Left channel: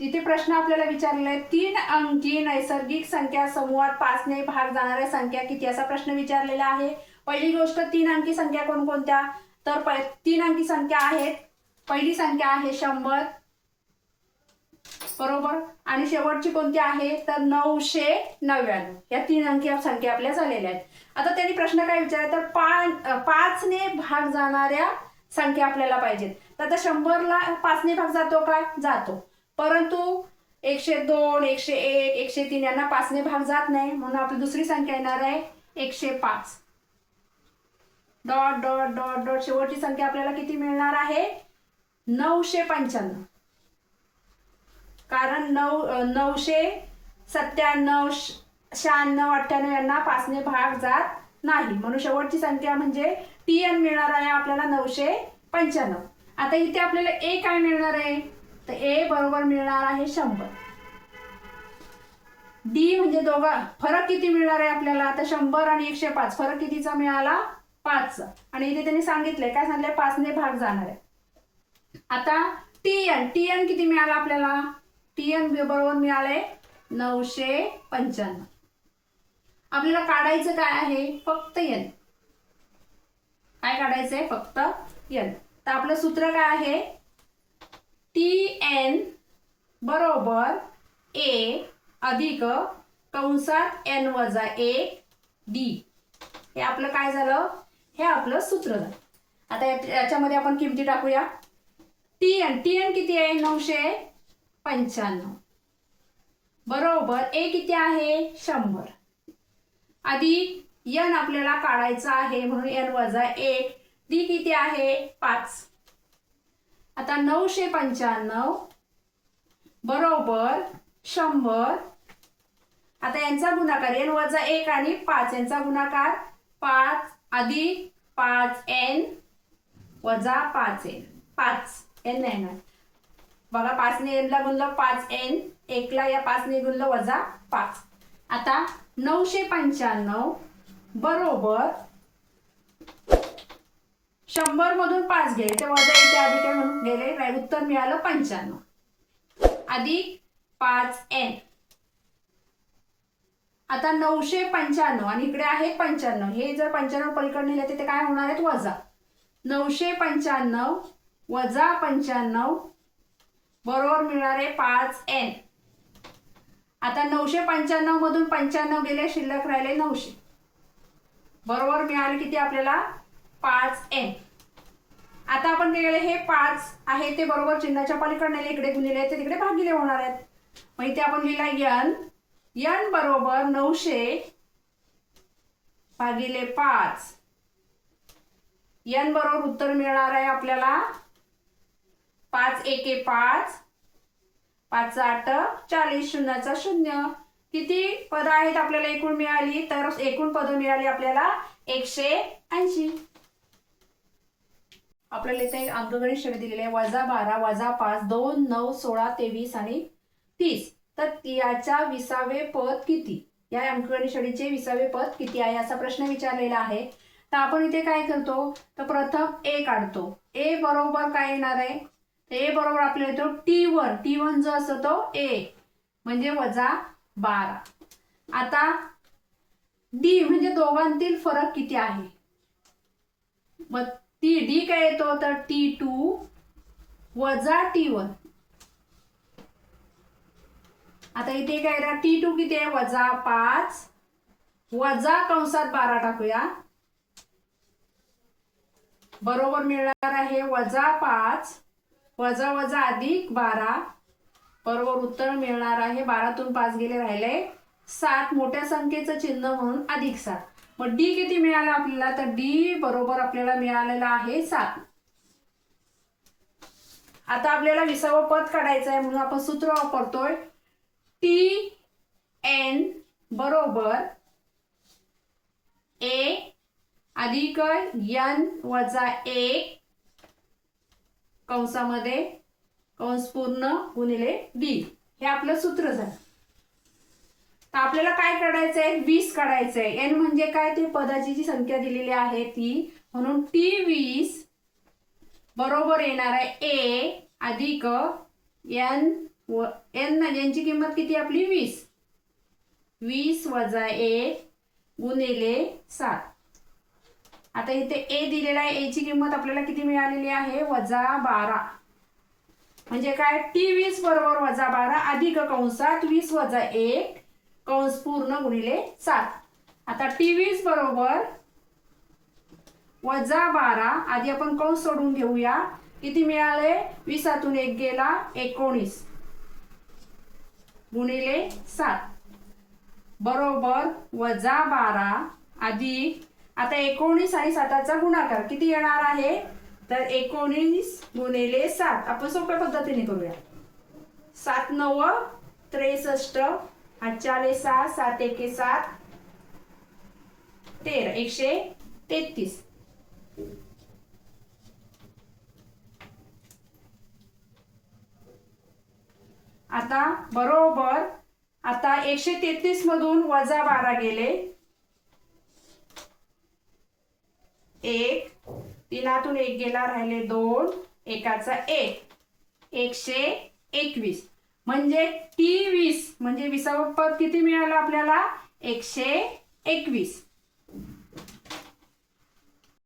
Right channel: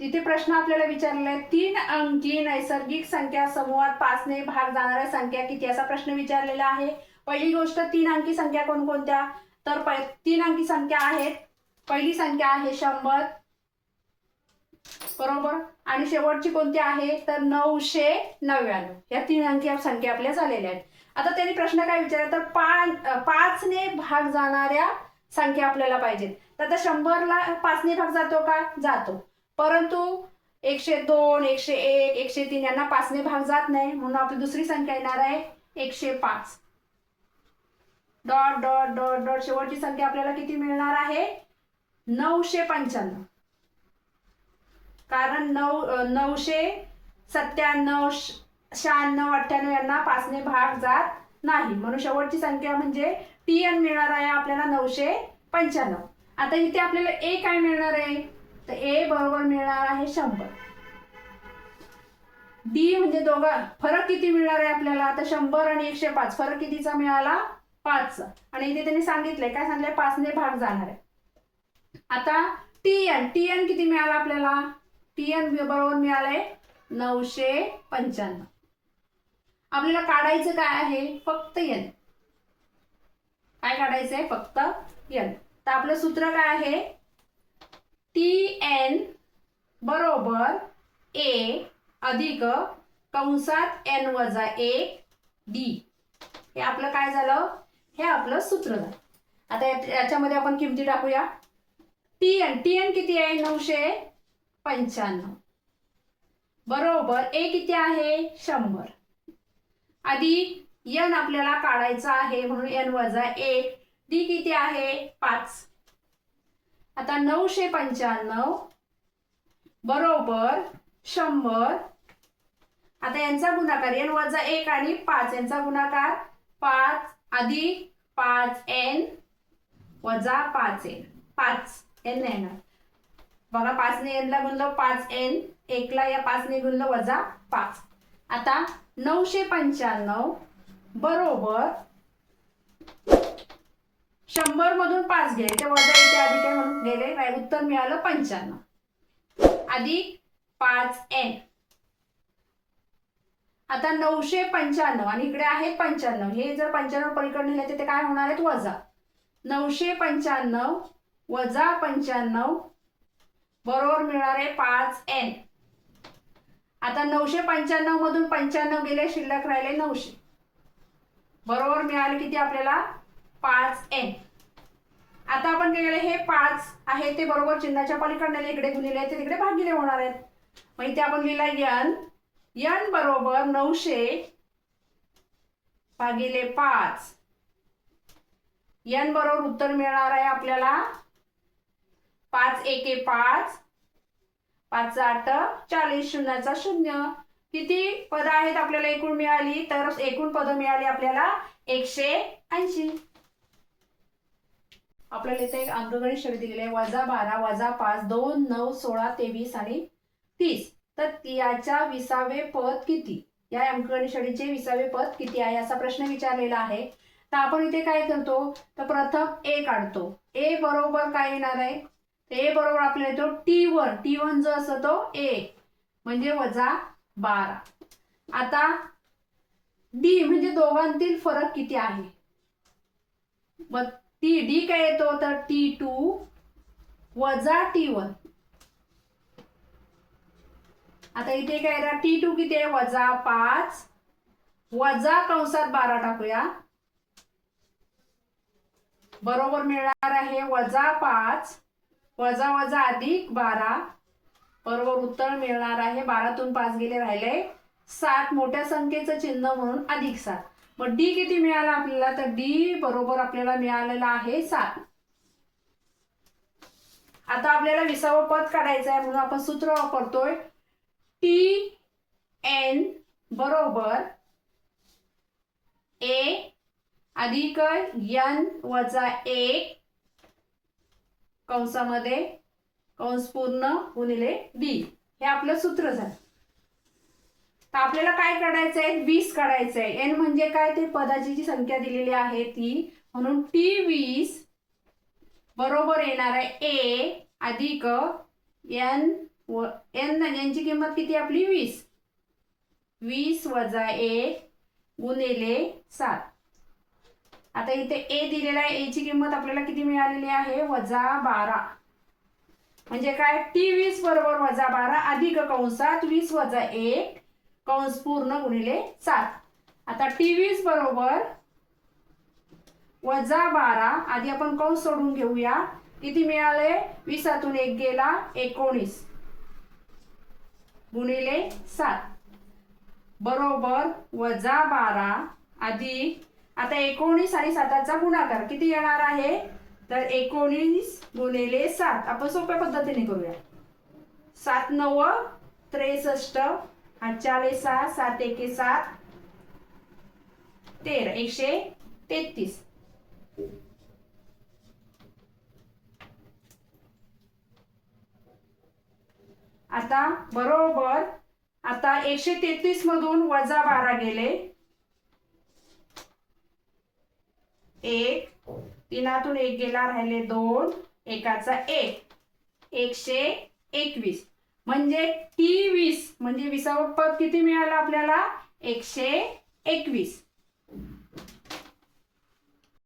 तिथे प्रश्न आपल्याला विचारलेला आहे 3 अंकी नैसर्गिक संख्या समूहात 5 ने भाग जाणाऱ्या संख्या किती असा प्रश्न विचारलेला आहे। पहिली गोष्ट 3 अंकी संख्या कोणकोणत्या, तर 3 अंकी संख्या आहेत। पहिली संख्या आहे 100 बरोबर, आणि शेवटची कोणती आहे तर 999। या 3 अंकी संख्या आपल्या झालेल्या आहेत। आता त्यांनी प्रश्न काय विचारला तर 5 ने भाग जाणाऱ्या संख्या आपल्याला पाहिजेत। तर आता 100 ला 5 ने भाग जातो का, जातो, परंतु 102 101 103 यांना 5 ने भाग जात नाही, म्हणून आपली दुसरी संख्या येणार आहे 105 डॉट डॉट डॉट डॉट। शेवटची संख्या आपल्याला किती मिळणार आहे 995, कारण 997 96 98 यांना 5 ने भाग जात नाही, म्हणून शेवटची संख्या म्हणजे TN मिळणार आहे आपल्याला 995। आता इथे आपल्याला A काय मिळणार आहे तर A बरोबर मिळणार आहे 100। D म्हणजे दोघा फरक किती मिळणार आहे आपल्याला, आता 100 आणि 105 फरक कितीचा मिळाला 5, आणि इथे त्यांनी सांगितलंय काय सांगितलंय 5 ने भाग जाणार आहे। आता TN किती मिळाला आपल्याला, TN बरोबर मिळाले 995। आपल्याला काढायचं काय आहे फक्त N, काय काढायचंय फक्त N। तर आपलं सूत्र काय आहे TN बरोबर A अधिक कंसात N वजा 1 D, हे आपलं काय झालं, हे आपलं सूत्र झालं। आता याच्यामध्ये आपण किमती टाकूया। TN किती आहे 995 बरोबर A किती आहे 100 अधिक N आपल्याला काढायचा आहे म्हणून N वजा 1 D किती आहे 5। आता 995 बरोबर 100, आता यांचा गुणाकार N वजा 1 आणि 5 यांचा गुणाकार 5 अधिक 5N वजा 5N, 5N नाही ना बघा, 5 ने N ला गुणलं 5N, 1 ला या 5 ने गुणलं वजा 5। आता 995 बरोबर 100 मधून 5 गेले ते वजा इथे अधिक आहे म्हणून गेले, उत्तर मिळालं 95 अधिक 5N। आता 995 आणि इकडे आहे 95, हे जर 95 पलीकडे नेले ते काय होणार आहेत वजा, 995 वजा 95 बरोबर मिळणार आहे 5N। आता 995 मधून 95 गेले शिल्लक राहिले 900 बरोबर मिळाले किती आपल्याला 5N। आता आपण काय केलं हे 5 आहे ते बरोबर चिन्हाच्या पलीकडे नेले, इकडे गुणिले ते तिकडे भागिले होणार आहेत, मग इथे आपण लिहिला N बरोबर 900 भागिले 5, N बरोबर उत्तर मिळणार आहे आपल्याला 5 एके 5 5 8 40 शून्याचा 0। किती पद आहेत आपल्याला एकूण मिळाली तर एकूण पद मिळाली आपल्याला 180। आपल्याला इथे अंकगणित शब्द दिलेले आहे -12 -5 2 9 16 23 आणि 30। तर याच्या 20वे पद किती, या अंकगणित शैलीचे 20वे पद किती आहे असा प्रश्न विचारलेला आहे। तर आपण इथे काय करतो तर प्रथम A काढतो। A बरोबर काय येणार आहे, A बरोबर आपल्याला येतो T1 जो असतो तो A म्हणजे वजा 12। आता D म्हणजे दोघांतील फरक किती आहे, मग D काय येतो तर T2 वजा T1। आता इथे काय आहे T2 किती आहे वजा 5 वजा कंसात 12 टाकूया बरोबर मिळणार आहे वजा 5 वजा वजा अधिक 12 बरोबर उत्तर मिळणार आहे 12 तून 5 गेले राहिले 7, मोठ्या संख्येचं चिन्ह म्हणून अधिक 7। मग D किती मिळाला आपल्याला तर D बरोबर आपल्याला मिळालेला आहे 7। आता आपल्याला 20वे पद काढायचं आहे म्हणून आपण सूत्र वापरतोय TN बरोबर A अधिक N वजा 1 कंसामध्ये कंस पूर्ण गुणिले D, हे आपलं सूत्र झालं। तर आपल्याला काय काढायचंय 20 काढायचंय। N म्हणजे काय ते पदाची जी संख्या दिलेली आहे ती, म्हणून T20 बरोबर येणार आहे A अधिक N व n यांची किंमत किती आपली 20. 20 वजा 1 गुणिले 7. आता इथे a दिलेला आहे, a ची किंमत आपल्याला किती मिळालेली आहे -12. म्हणजे काय T20 बरोबर -12 अधिक कंसात 20 वजा 1 कंस पूर्ण गुणिले 7. आता T20 बरोबर -12 आधी आपण कंस सोडून घेऊया. किती मिळाले 20तून 1 गेला 19 गुणिले 7 बरोबर -12 अधिक आता 19 आणि 7चा गुणाकार किती येणार आहे तर 19 गुणिले 7. आपण सोप्या पद्धतीने करूया. 7 9 63 8 6 7 1 7 13 133. आता बरोबर आता 133 मधून -12 गेले 1 3तून 1 गेला राहिले 2 1चा 1 121. म्हणजे T20 म्हणजे 20वे पद किती मिळालं आपल्याला 121.